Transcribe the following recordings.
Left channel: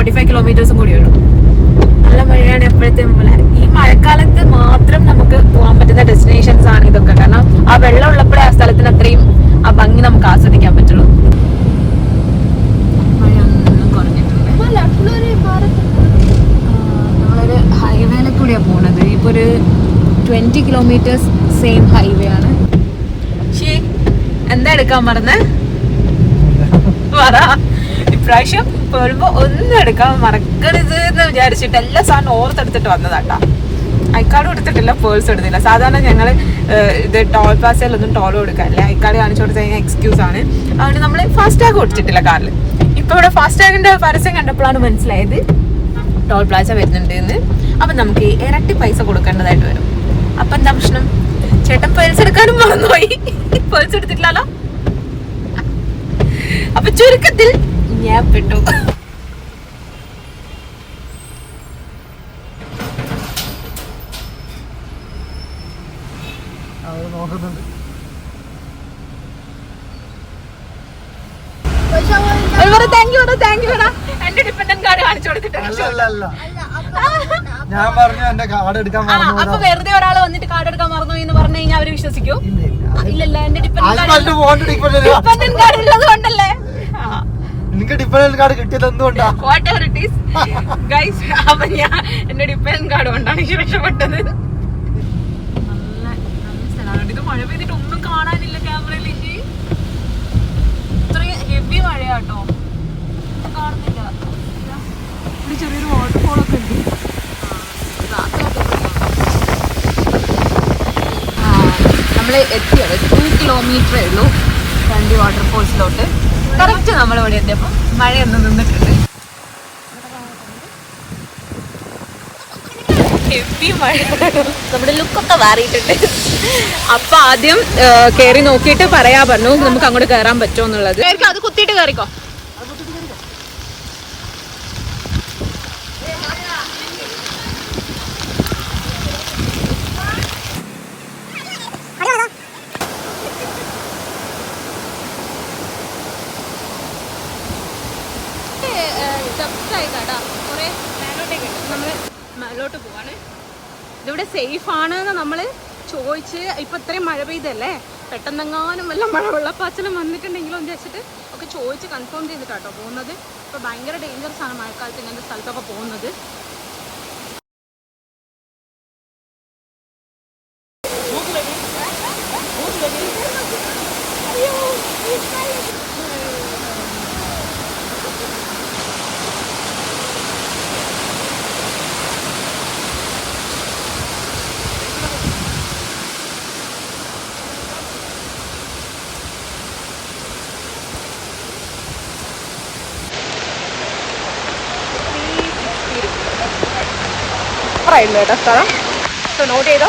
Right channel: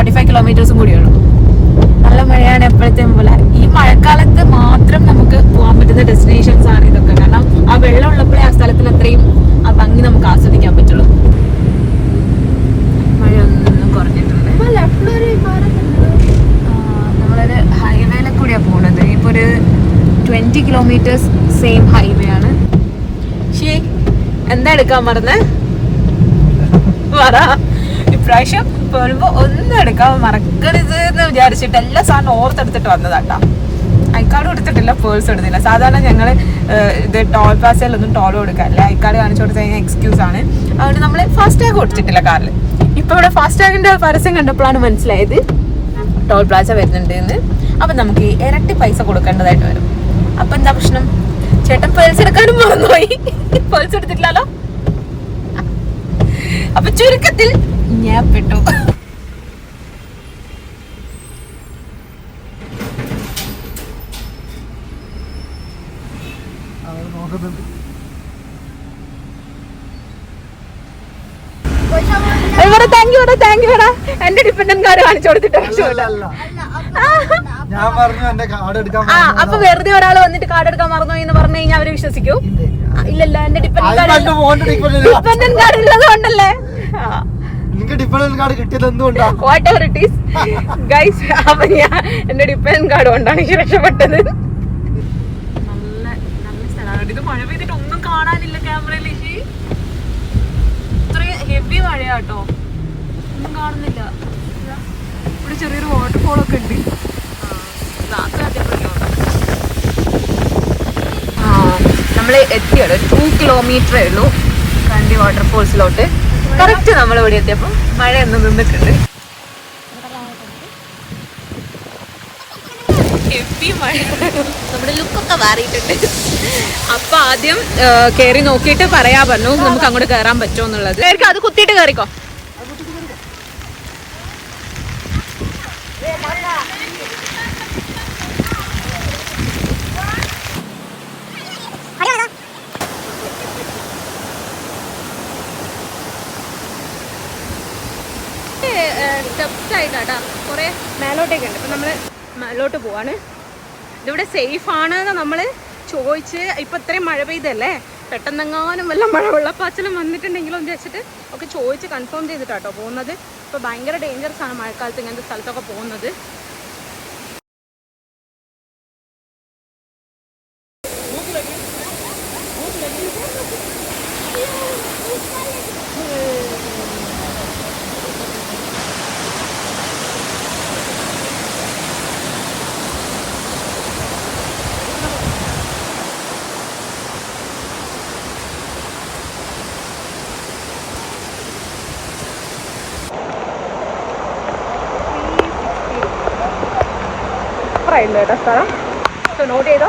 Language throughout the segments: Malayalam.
ഫോർട്ടി ഫൈവ് കിലോമീറ്റേഴ്സും കൂടിയുള്ളൂ നല്ല മഴയാണ് എപ്പോഴത്തെയും പോലെ. ഈ മഴക്കാലത്ത് മാത്രം നമുക്ക് പോകാൻ പറ്റുന്ന ഡെസ്റ്റിനേഷൻസ് ആണ് ഇതൊക്കെ. കാരണം ആ വെള്ളം ഉള്ളപ്പോഴേ ആ സ്ഥലത്തിന് അത്രയും ആ ഭംഗി നമുക്ക് ആസ്വദിക്കാൻ പറ്റുള്ളൂ. മഴയൊന്നും കുറഞ്ഞിട്ടുണ്ട് ആ, നമ്മളൊരു ഹൈവേനെ കൂടിയാണ് പോണത്. ഇപ്പൊ ഒരു ട്വന്റി കിലോമീറ്റേഴ്സ് സെയിം ഹൈവേ ആണ്. എന്താ എടുക്കാൻ പറഞ്ഞേ പറ. ഇപ്രാവശ്യം പോകുമ്പോ ഒന്നും എടുക്കാൻ മറക്കരുത് എന്ന് വിചാരിച്ചിട്ട് എല്ലാ സാധനം ഓർത്തെടുത്തിട്ട് വന്നതാട്ടാ. ഐക്കാർഡ് കൊടുത്തിട്ടില്ല പേഴ്സ് എടുത്തില്ല. സാധാരണ ഞങ്ങൾ ഇത് ടോൾ പ്ലാസയിലൊന്നും ടോൾ കൊടുക്കാറില്ല. ഐക്കാർഡ് കാണിച്ചു കൊടുത്തു കഴിഞ്ഞാൽ എക്സ്ക്യൂസ് ആണ്. അതുകൊണ്ട് നമ്മൾ ഫാസ്റ്റ് ടാഗ് കൊടുത്തിട്ടില്ല കാറിൽ. ഇപ്പൊ ഇവിടെ ഫാസ്റ്റ് ടാഗിന്റെ പരസ്യം കണ്ടപ്പോഴാണ് മനസ്സിലായത് ടോൾ പ്ലാസ വരുന്നുണ്ട് എന്ന് അപ്പൊ നമുക്ക് ഇരട്ടി പൈസ കൊടുക്കേണ്ടതായിട്ട് വരും. അപ്പൊ എന്താ പ്രശ്നം? ചേട്ടൻ പേഴ്സ് എടുക്കാനും മറന്നുപോയി. പേഴ്സ് എടുത്തിട്ടില്ലല്ലോ. അപ്പൊ ചുരുക്കത്തിൽ ഞാൻ പെട്ടു എന്റെ ഡിപ്പെൻഡന്റ് കാർഡ് കാണിച്ചു കൊടുത്തിട്ട് ഞാൻ പറഞ്ഞു എന്റെ കാർഡ് എടുക്കാൻ അപ്പൊ വെറുതെ ഒരാൾ വന്നിട്ട് കാർഡ് എടുക്കാൻ മറന്നു എന്ന് പറഞ്ഞു കഴിഞ്ഞാൽ അവർ വിശ്വസിക്കൂ? ഇല്ല, ഇല്ല. ഇല്ലല്ല എന്റെ എന്റെ ഫോണിന്റെ ഡിപ്പെൻഡന്റ് ഡിപ്പെൻഡന്റ് കാർഡ് ഉള്ളത് നിനക്ക് ഡിപ്പെൻഡന്റ് കാർഡ് കിട്ടിയത് എന്തുകൊണ്ടാണ്? വാട്ട് ഇറ്റ് ഈസ് ഗൈസ് അപ്പൊ ഞാൻ എന്റെ ഡിപ്പെൻഡന്റ് കാർഡ് കൊണ്ടാണ് ഈ രക്ഷപ്പെട്ടത്. നല്ല നല്ല സ്ഥലമാണ്. ഇത് മഴ പെയ്തിട്ട് ഒന്നും കാണാനില്ല ക്യാമറയിലേക്ക് ഇത്രയും ഹെവി മഴയാട്ടോ. ഒന്നും കാണുന്നില്ല. ഇവിടെ ചെറിയൊരു വാട്ടർഫോൾ ഒക്കെ ഉണ്ട്. നമ്മൾ എത്തിയത് ടു കിലോമീറ്ററേ ഉള്ളൂ. കണ്ടി വാട്ടർഫോൾസിലോട്ട് കറക്റ്റ് നമ്മൾ ഇവിടെ എത്തിയപ്പോൾ മഴയൊന്നും നിന്നിട്ടുണ്ട്. ഹെവി മഴ. നമ്മുടെ ലുക്കൊക്കെ മാറിയിട്ടുണ്ട്. അപ്പൊ ആദ്യം കയറി നോക്കിയിട്ട് പറയാ പറഞ്ഞു നമുക്ക് അങ്ങോട്ട് കേറാൻ പറ്റുമോ എന്നുള്ളത്. അത് കുത്തിയിട്ട് കയറിക്കോ സ്റ്റെപ്സ് കുറേ മേലോട്ടേക്ക് ഉണ്ട് അപ്പൊ നമ്മൾ മേലോട്ട് പോവാണ്. ഇതിവിടെ സേഫ് ആണ് നമ്മൾ ചോദിച്ച് ഇപ്പൊ ഇത്രയും മഴ പെയ്തല്ലേ? പെട്ടെന്നെങ്ങാനും വല്ല മഴ വെള്ളപ്പാച്ചലും വന്നിട്ടുണ്ടെങ്കിലും എന്ന് വെച്ചിട്ട് ഒക്കെ ചോദിച്ച് കൺഫേം ചെയ്തിട്ടാട്ടോ പോകുന്നത്. ഇപ്പൊ ഭയങ്കര ഡേഞ്ചറസ് ആണ് മഴക്കാലത്ത് ഇങ്ങനത്തെ സ്ഥലത്തൊക്കെ പോകുന്നത്. സൂപ്പറായിരുന്നു കേട്ടോ സ്ഥലം. സോ നോട്ട് ചെയ്തോ?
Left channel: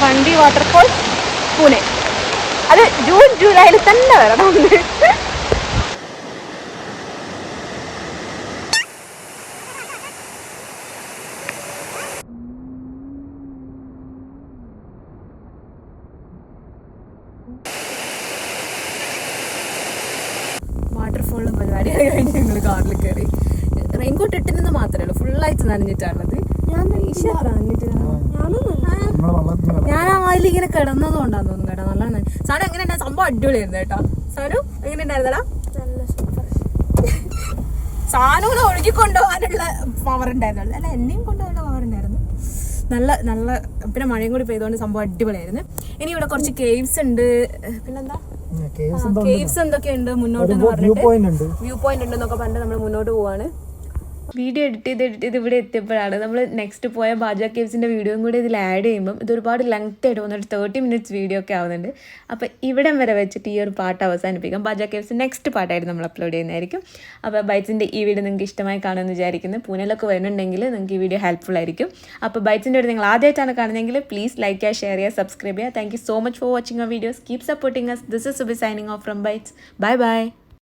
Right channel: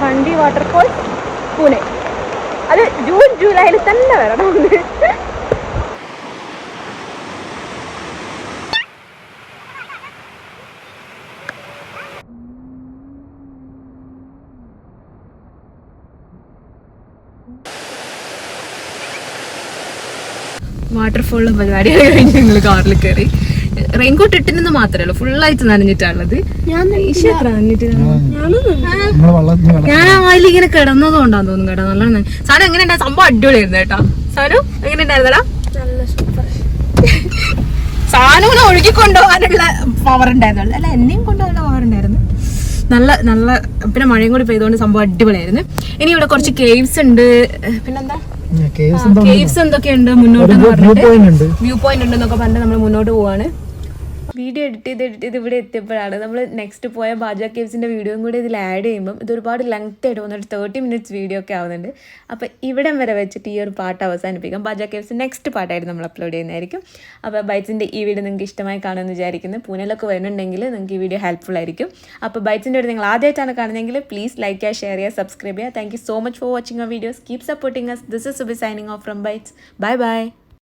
കണ്ടി വാട്ടർഫോൾ പൂനെ അത് ജൂൺ ജൂലൈയിൽ തന്നെ വരണം ഒന്ന് വാട്ടർഫോളിൽ കഴിഞ്ഞ് ഞങ്ങൾ കാറിൽ കയറി റെയിൻകോട്ട് ഇട്ടിരുന്നു മാത്രമേ ഉള്ളൂ. ഫുള്ളായിട്ട് നനഞ്ഞിട്ടാണുള്ളത്. ഞാൻ ആ. വായിൽ ഇങ്ങനെ കിടന്നതുകൊണ്ടാന്ന് തോന്നുന്നു കേട്ടോ. നല്ലോണം സാധനം എങ്ങനെ ഉണ്ടായ സംഭവം അടിപൊളിയായിരുന്നു കേട്ടോ. സാധനം എങ്ങനെ ഉണ്ടായിരുന്നടാ സാധനം ഒഴുകി കൊണ്ടുപോകാനുള്ള പവർ ഉണ്ടായിരുന്നു അല്ല എന്നെയും കൊണ്ടുപോകാനുള്ള പവർ ഉണ്ടായിരുന്നു. നല്ല നല്ല പിന്നെ മഴയും കൂടി പെയ്തുകൊണ്ട് സംഭവം അടിപൊളിയായിരുന്നു. ഇനി ഇവിടെ കുറച്ച് കേവ്സ് ഉണ്ട്. പിന്നെന്താ? കേസ് കേവ്സ് എന്തൊക്കെയുണ്ട് മുന്നോട്ട് എന്ന് വ്യൂ പറഞ്ഞിട്ട്? പോയിന്റ് ഉണ്ട്. വ്യൂ പോയിന്റ് ഉണ്ടെന്നൊക്കെ പറഞ്ഞിട്ട് നമ്മൾ മുന്നോട്ട് പോവാണ്. വീഡിയോ എഡിറ്റ് ചെയ്ത് എഡിറ്റ് ചെയ്ത് ഇവിടെ എത്തിയപ്പോഴാണ് നമ്മൾ നെക്സ്റ്റ് പോയ ബാജ കേവ്സിന്റെ വീഡിയോയും കൂടി ഇതിൽ ആഡ് ചെയ്യുമ്പം ഇതൊരുപാട് ലെങ്ത് ആയിട്ട് വന്നിട്ട് തേർട്ടി മിനിറ്റ്സ് വീഡിയോ ഒക്കെ ആവുന്നുണ്ട്. അപ്പോൾ ഇവിടം വരെ വെച്ചിട്ട് ഈ ഒരു പാട്ട് അവസാനിപ്പിക്കാം. ബാജ കേവ്സ് നെക്സ്റ്റ് പാട്ടായിട്ട് നമ്മൾ അപ്ലോഡ് ചെയ്യുന്നതായിരിക്കും. അപ്പോൾ ബൈറ്റ്സിന്റെ ഈ വീഡിയോ നിങ്ങൾക്ക് ഇഷ്ടമായി കാണുമെന്ന് വിചാരിക്കുന്നു. പൂനെയിലൊക്കെ വരുന്നുണ്ടെങ്കിൽ നിങ്ങൾക്ക് ഈ വീഡിയോ ഹെൽപ്ഫുൾ ആയിരിക്കും. അപ്പോൾ ബൈറ്റ്സിന്റെ ഒരു നിങ്ങൾ ആദ്യമായിട്ടാണ് കാണുന്നതെങ്കിൽ പ്ലീസ് ലൈക്ക് ചെയ്യുക ഷെയർ ചെയ്യുക സബ്സ്ക്രൈബ് ചെയ്യുക. Thank you so much for watching our videos keep supporting us this is Subi signing off from Bytes bye by